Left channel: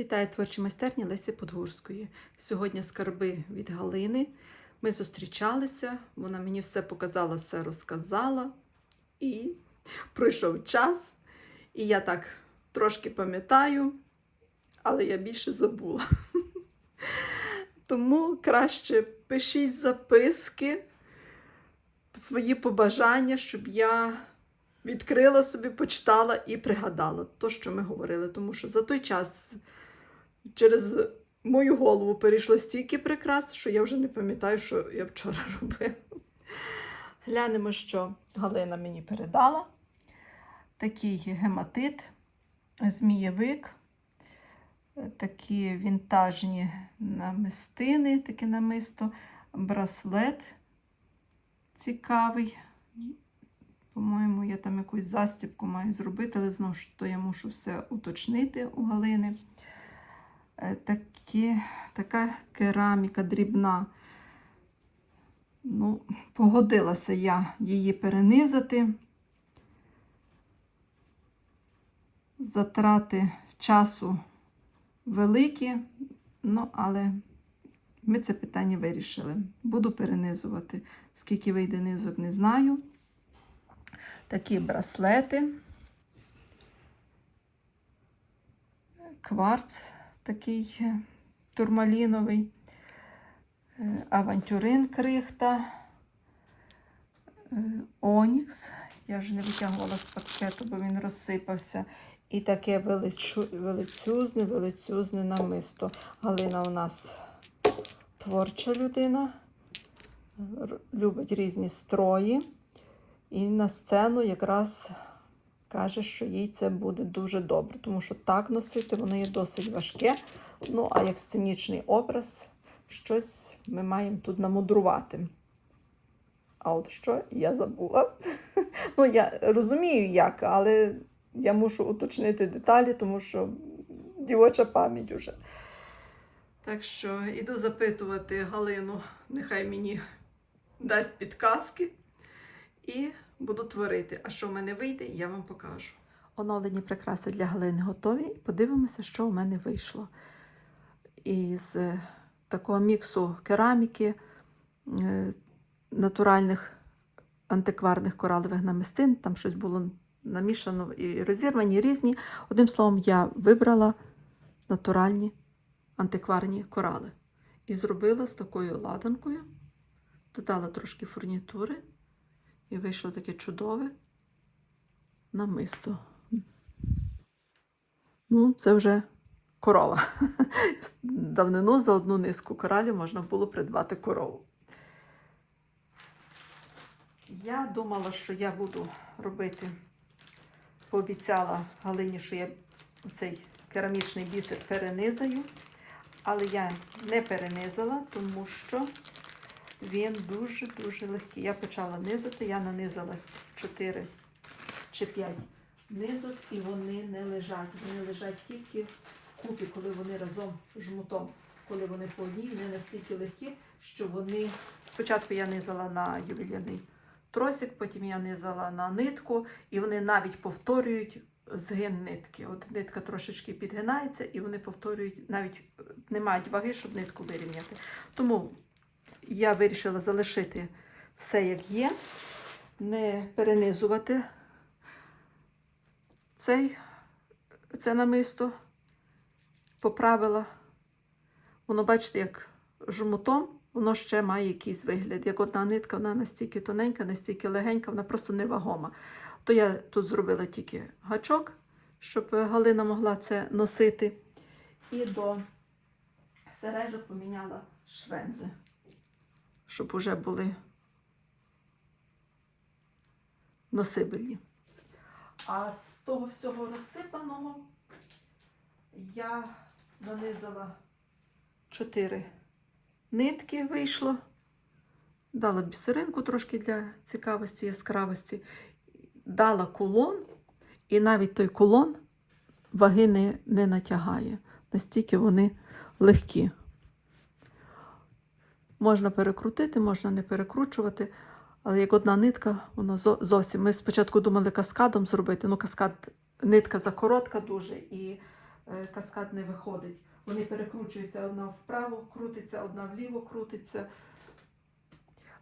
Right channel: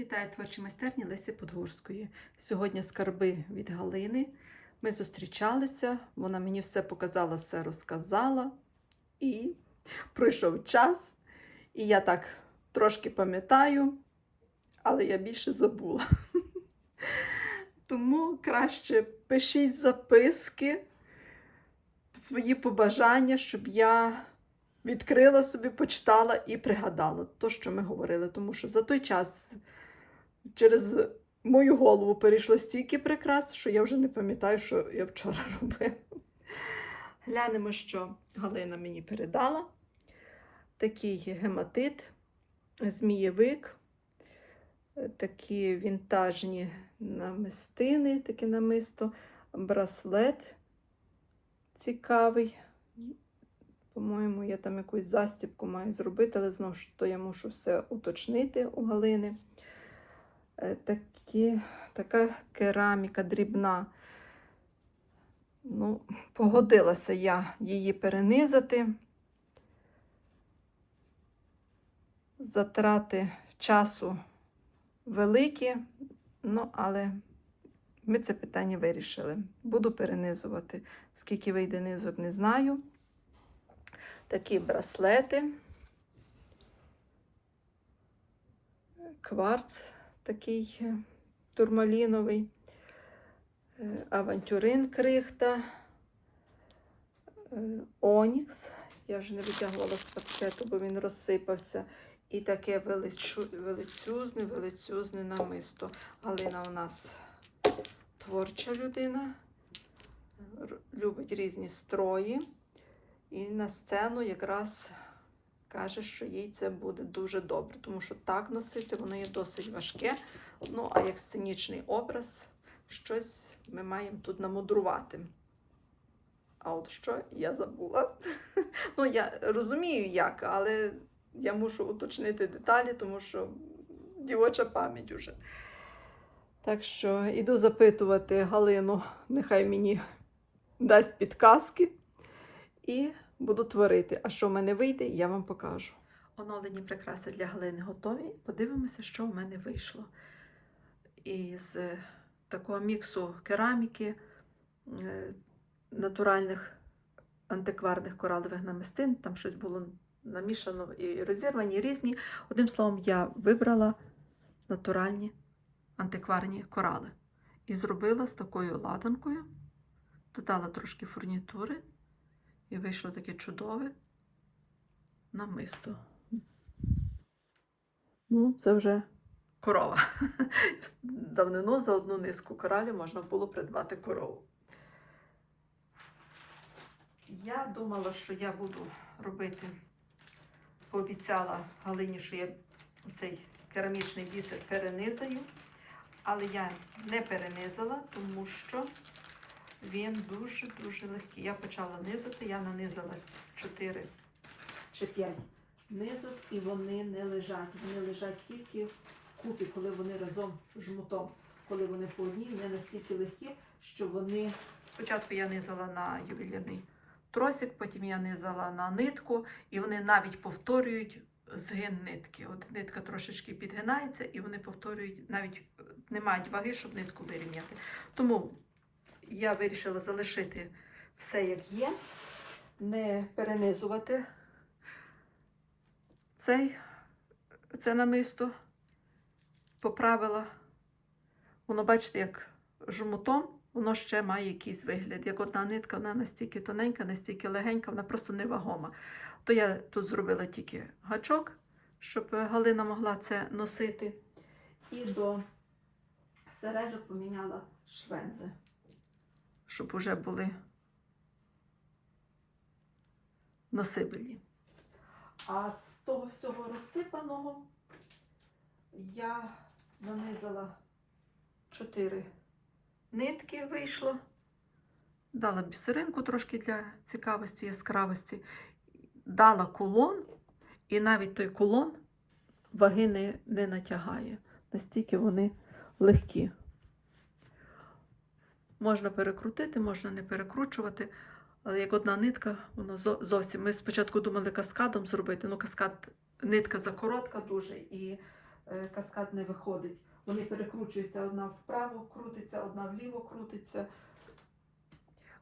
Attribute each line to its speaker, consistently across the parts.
Speaker 1: Вітаю творчі майстерні Лесі Подгурської. Сьогодні скарби від Галини. Ми зустрічалися, вона мені все показала, все розказала. І пройшов час. І я так трошки пам'ятаю, але я більше забула. Тому краще пишіть записки, свої побажання, щоб я відкрила собі, почитала і пригадала те, що ми говорили. Тому що за той час через мою голову перейшло стільки прикрас, що я вже не пам'ятаю, що я вчора робила. Глянемо, що Галина мені передала. Такий гематит, змієвик, такі вінтажні намистини, таке намисто, браслет цікавий. По-моєму, я там якусь застібку маю зробити, але знову ж то я мушу все уточнити у Галини. Е, Такі, така кераміка дрібна. Ну, погодилася я її перенизати. Затрати часу великі, ну, але ми це питання вирішили. Буду перенизувати. Скільки вийде низок, не знаю. Такі браслети. Кварц такий е, турмаліновий, е, авантюрин крихта, е, Онікс. Я вже не витягувала з пакету, бо він розсипався. І таке величезне, величезне намисто. Галина у нас творча людина, любить різні строї. І на сцену якраз каже, що їй це буде дуже добре, тому що так носити воно є досить важке. Ну, а як сценічний образ, щось ми маємо тут намудрувати. А от що я забула. Ну, я розумію, як, але я мушу уточнити деталі, тому що дівоча пам'ять уже. Так що іду запитувати Галину, нехай мені дасть підказки і буду творити. А що в мене вийде, я вам покажу. Оновлені прикраси для Галини готові. Подивимося, що у мене вийшло. Із е, такого міксу кераміки, е, натуральних антикварних коралових намистин, там щось було намішано і розірвані різні. Одним словом, я вибрала натуральні антикварні корали. І зробила з такою ладанкою, додала трошки фурнітури. І вийшло таке чудове намисто. Ну, це вже корова. Давнину за одну низку коралів можна було придбати корову. Я думала, що я буду робити, пообіцяла Галині, що я цей керамічний бісер перенизаю, але я не перенизала, тому що він дуже-дуже легкий. Я почала низати, я нанизала 4 чи 5 низок, і вони не лежать. Вони лежать тільки вкупі, коли вони разом жмутом, коли вони по одній, вони настільки легкі, що вони. Спочатку я низала на ювелірний тросик, потім я низала на нитку, і вони навіть повторюють згин нитки. От нитка трошечки підгинається, і вони повторюють, навіть не мають ваги, щоб нитку вирівняти. Тому я вирішила залишити все як є, не перенизувати цей, це намисто, поправила. Воно, бачите, як жмутом, воно ще має якийсь вигляд. Як одна нитка, вона настільки тоненька, настільки легенька, вона просто невагома. То я тут зробила тільки гачок, щоб Галина могла це носити. І до сережок поміняла швензи щоб уже були носибельні. А з того всього розсипаного я нанизала 4 нитки вийшло, дала бісеринку трошки для цікавості, яскравості, дала кулон, і навіть той кулон ваги не, не натягає. Настільки вони легкі. Можна перекрутити, можна не перекручувати. Але як одна нитка, воно зовсім. Ми спочатку думали каскадом зробити. Ну, каскад, нитка закоротка дуже, і е, каскад не виходить. Вони перекручуються одна вправо, крутиться, одна вліво крутиться.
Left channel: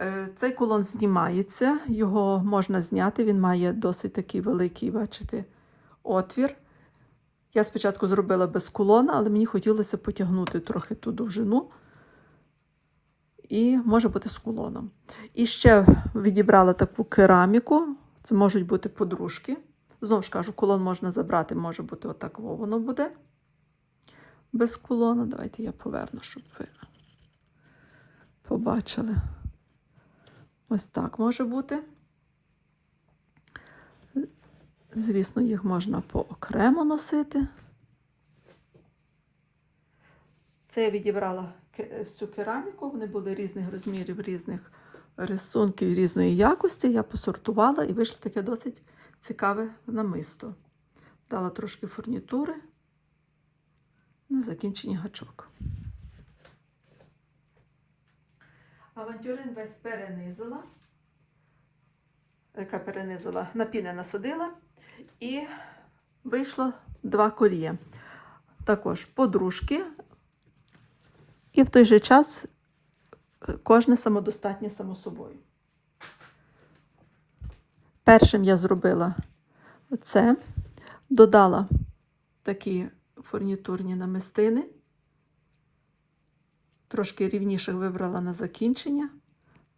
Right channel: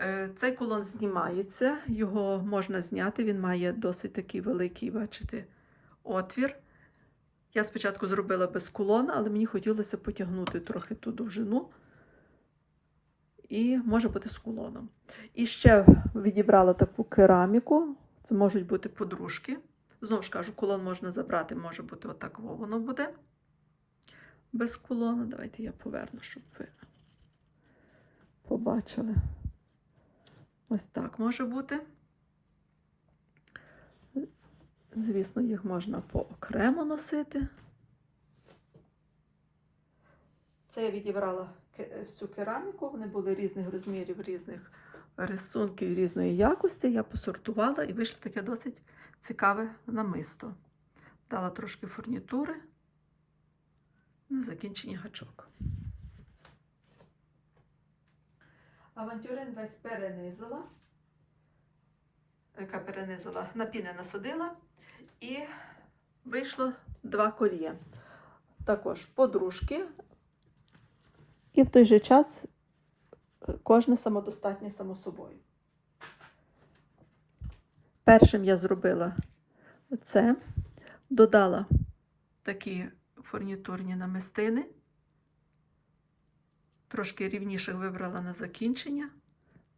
Speaker 1: Е, Цей кулон знімається, його можна зняти, він має досить такий великий, бачите, отвір. Я спочатку зробила без кулона, але мені хотілося потягнути трохи ту довжину. І може бути з кулоном. І ще відібрала таку кераміку. Це можуть бути подружки. Знову ж кажу, кулон можна забрати, може бути отак воно буде. Без кулона. Давайте я поверну, щоб ви побачили. Ось так може бути. Звісно, їх можна поокремо носити. Це я відібрала всю кераміку, вони були різних розмірів, різних рисунків, різної якості. Я посортувала і вийшло таке досить цікаве намисто. Дала трошки фурнітури на закінченні гачок. Авантюрин весь перенизила. Яка перенизила, на піни насадила і вийшло два колія. Також подружки, і в той же час е, кожне самодостатнє само собою. Першим я зробила це, додала такі фурнітурні намистини, трошки рівніших вибрала на закінчення,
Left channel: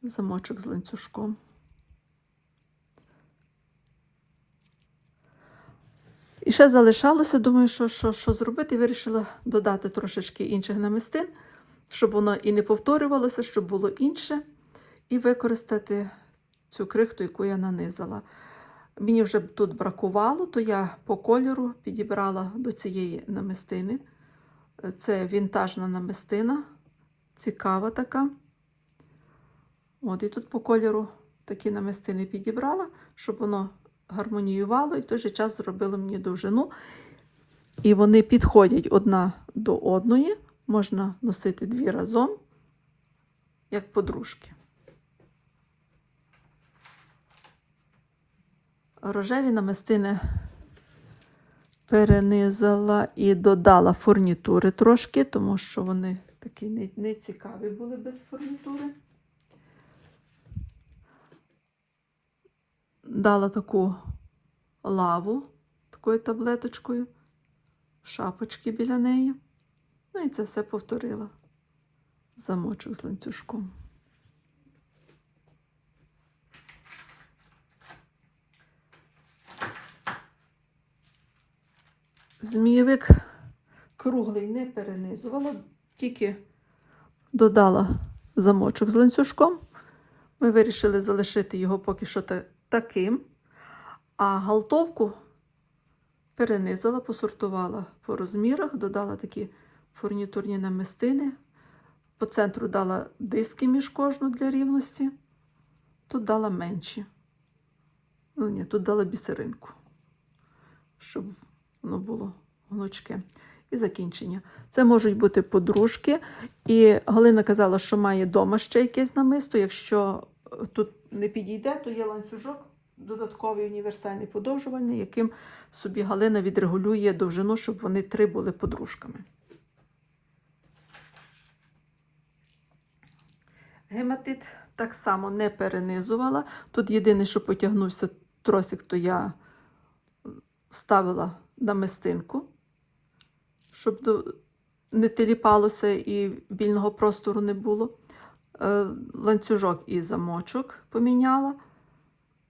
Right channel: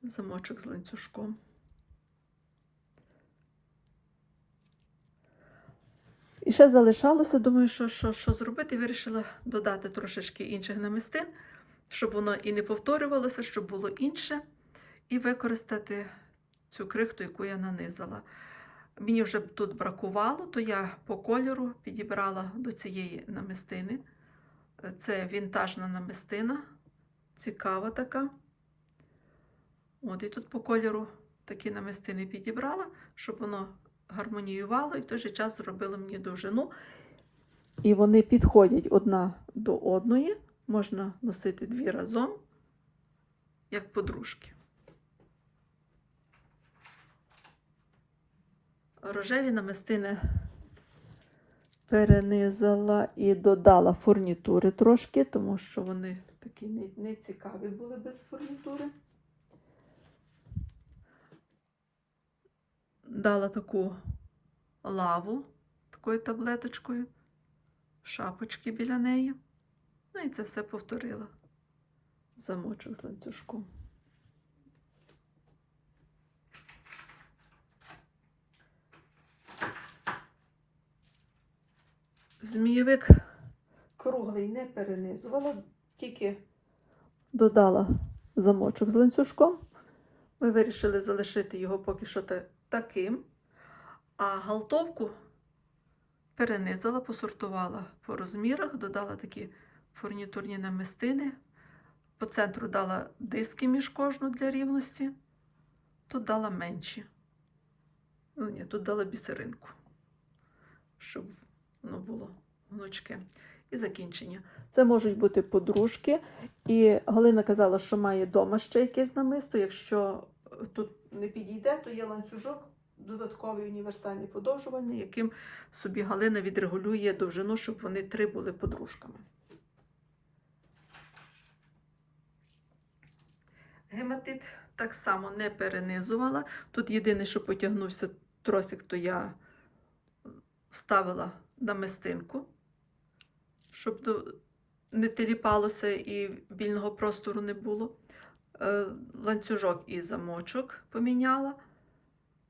Speaker 1: замочок з ланцюжком. І ще залишалося, думаю, що, що, що зробити. Вирішила додати трошечки інших намистин, щоб воно і не повторювалося, щоб було інше, і використати цю крихту, яку я нанизала. Мені вже тут бракувало, то я по кольору підібрала до цієї намистини. Це вінтажна намистина, цікава така. От, і тут по кольору такі намистини підібрала, щоб воно гармоніювало і в той же час зробило мені довжину. І вони підходять одна до одної. Можна носити дві разом, як подружки. Рожеві намистини перенизала і додала фурнітури трошки, тому що вони такі не, не цікаві були без фурнітури. Дала таку лаву такою таблеточкою, шапочки біля неї. Ну і це все повторила. Замочок з ланцюжком. Змійовик круглий не перенизувала, тільки додала замочок з ланцюжком. Ми вирішили залишити його поки що таким. А галтовку перенизала, посортувала по розмірах, додала такі фурнітурні намистини. По центру дала диски між кожну для рівності. Тут дала менші. Ну, ні, тут дала бісеринку, щоб воно було гнучке. І закінчення. Це можуть бути подружки. І Галина казала, що має вдома ще якесь намисто. Якщо е, тут не підійде, то є ланцюжок, додатковий універсальний подовжувальний, яким собі Галина відрегулює довжину, щоб вони три були подружками. Гематит так само не перенизувала. Тут єдине, що потягнувся тросик, то я вставила намистинку, щоб не теліпалося і вільного простору не було. Е, Ланцюжок і замочок поміняла.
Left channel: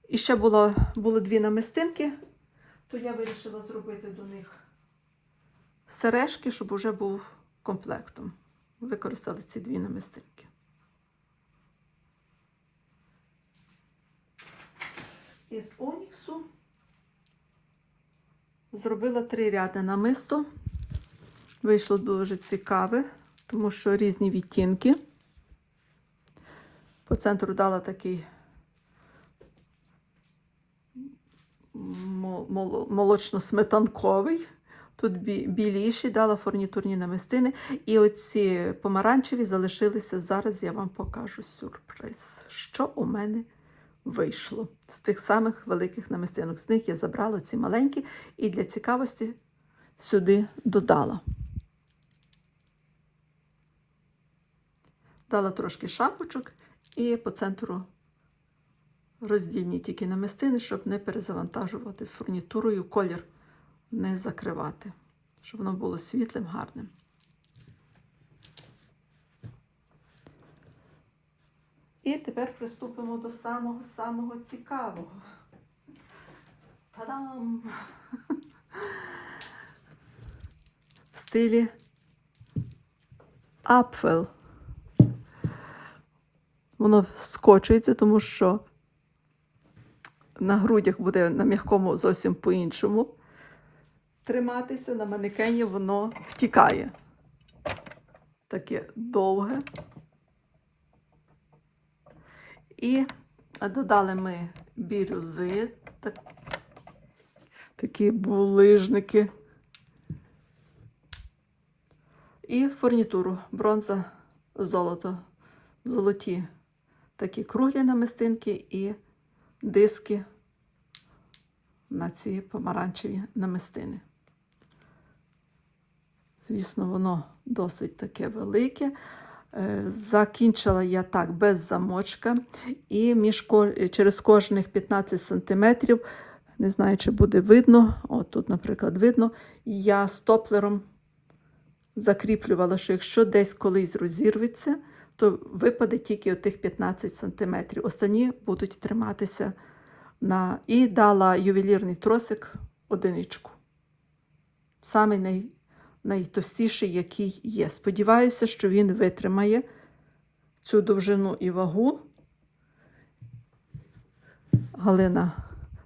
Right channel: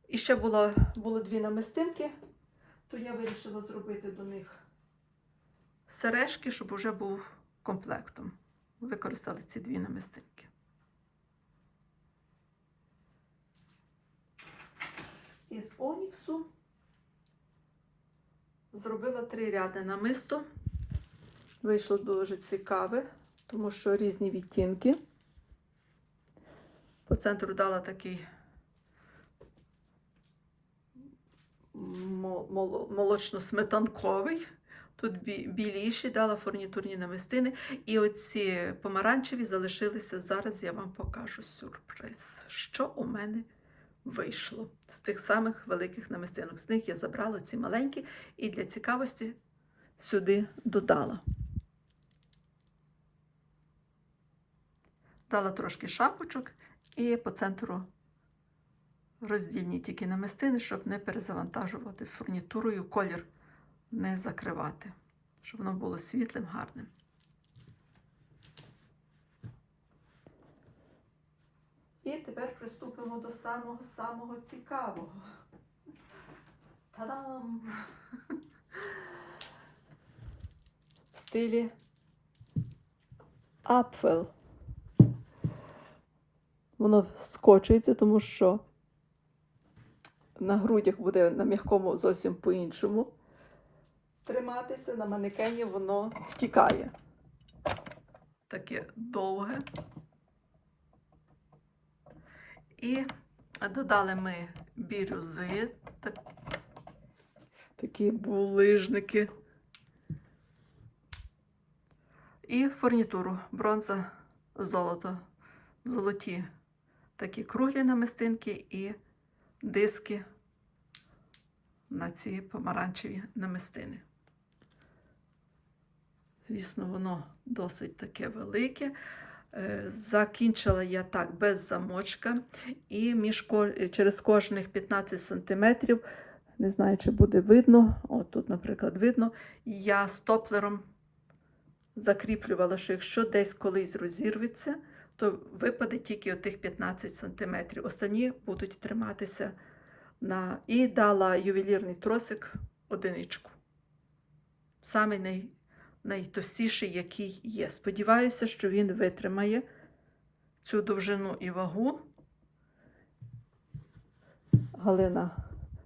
Speaker 1: І ще було, було дві намистинки, то я вирішила зробити до них сережки, щоб уже був комплектом. Використали ці дві намистинки. Із оніксу зробила три ряди намисто. Вийшло дуже цікаве, тому що різні відтінки. По центру дала такий мол- мол- молочно-сметанковий. Тут біліші, дала фурнітурні намистини. І оці помаранчеві залишилися. Зараз я вам покажу сюрприз, що у мене вийшло з тих самих великих намистинок. З них я забрала ці маленькі, і для цікавості сюди додала. Дала трошки шапочок і по центру роздільні тільки намистини, щоб не перезавантажувати фурнітурою, колір не закривати, щоб воно було світлим, гарним. І тепер приступимо до самого-самого цікавого. Та-дам! В стилі Апфел. Воно скочується, тому що на грудях буде на м'якому зовсім по-іншому. Триматися на манекені воно втікає. Таке довге. І додали ми бірюзи, так, такі булижники. І фурнітуру бронза, золото, золоті такі круглі намистинки і диски на ці помаранчеві намистини. Звісно, воно досить таке велике. Е, Закінчила я так без замочка, і між, через кожних 15 см, не знаю, чи буде видно, от тут, наприклад, видно, я стоплером закріплювала, що якщо десь колись розірветься, то випаде тільки отих 15 см. Останні будуть триматися на. І дала ювелірний тросик одиничку. Самий най... найтовстіший, який є. Сподіваюся, що він витримає цю довжину і вагу. Галина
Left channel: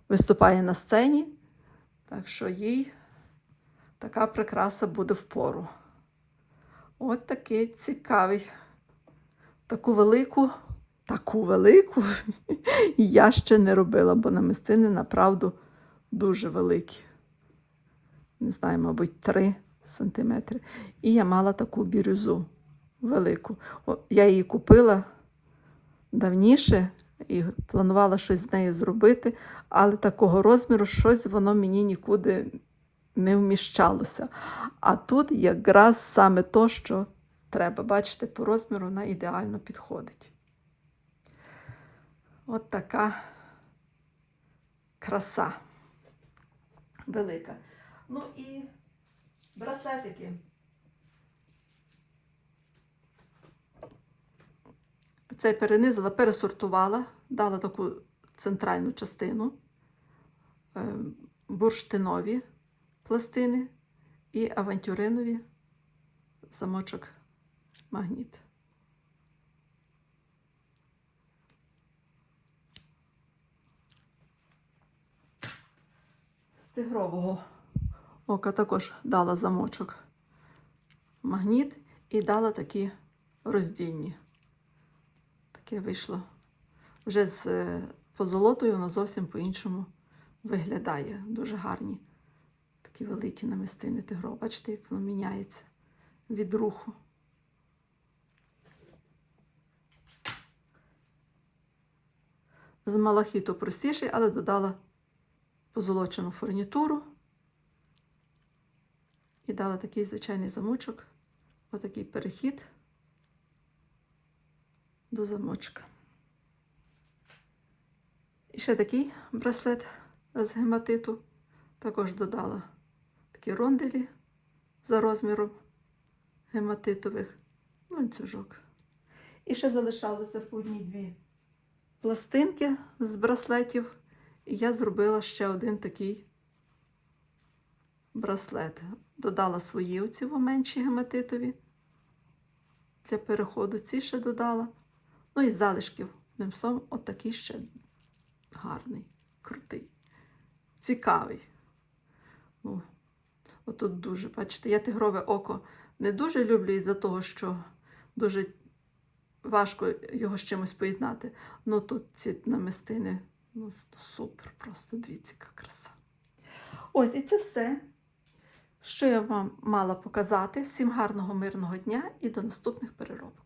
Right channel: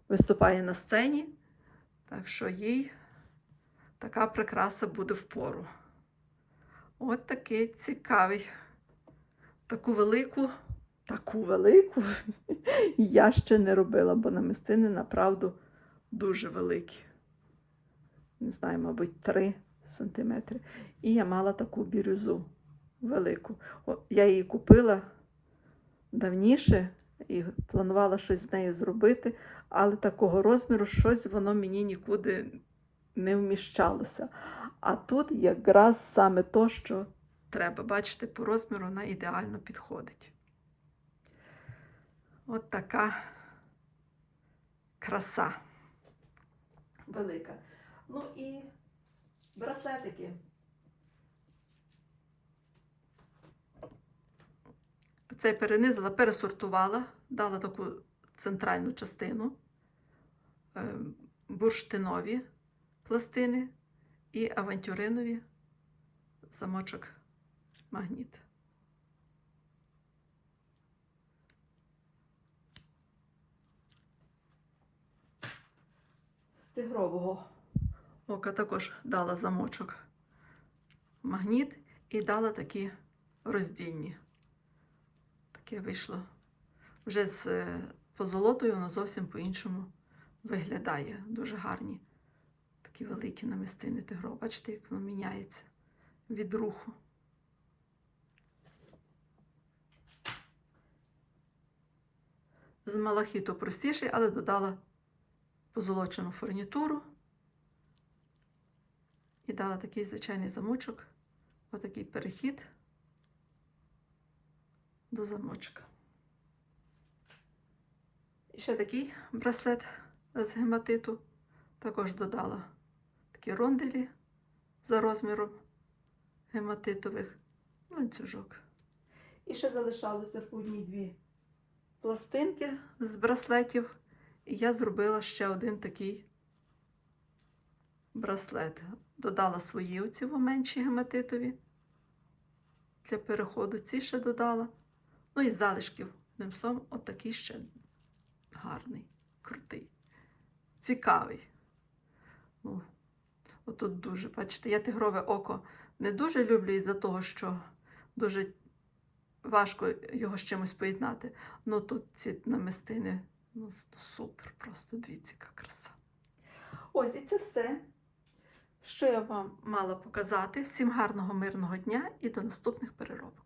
Speaker 1: виступає на сцені, так що їй така прикраса буде впору. От такий цікавий. Таку велику, таку велику я ще не робила, бо намистини направду дуже великі. Не знаю, мабуть, 3 сантиметри. І я мала таку бірюзу велику. Я її купила давніше і планувала щось з нею зробити, але такого розміру щось воно мені нікуди не вміщалося. А тут якраз саме то, що треба. Бачите, по розміру вона ідеально підходить. От така краса велика. Ну і браслетики. Цей перенизила, пересортувала, дала таку центральну частину, е, бурштинові пластини і авантюринові замочок магніт. З тигрового ока також дала замочок магніт і дала такі роздільні. Таке вийшло. Вже з е, позолотою воно зовсім по-іншому виглядає. Дуже гарні. Такі великі намистини тигров. Бачите, як воно міняється від руху. З малахіту простіший, але додала позолочену фурнітуру і дала такий звичайний замочок, отакий перехід до замочка. І ще такий браслет з гематиту. Також додала такі ронделі за розміром гематитових ланцюжок. І ще залишалося по одній дві пластинки з браслетів. І я зробила ще один такий браслет. Додала свої оці менші гематитові для переходу. Ці ще додала. Ну і залишків. Одним словом, отакий ще гарний, крутий, цікавий. О, отут дуже, бачите, я тигрове око не дуже люблю із-за того, що дуже важко його з чимось поєднати. Ну тут ці намистини ну, супер, просто дивіться, яка краса. Ось і це все, що я вам мала показати. Всім гарного, мирного дня і до наступних переробок.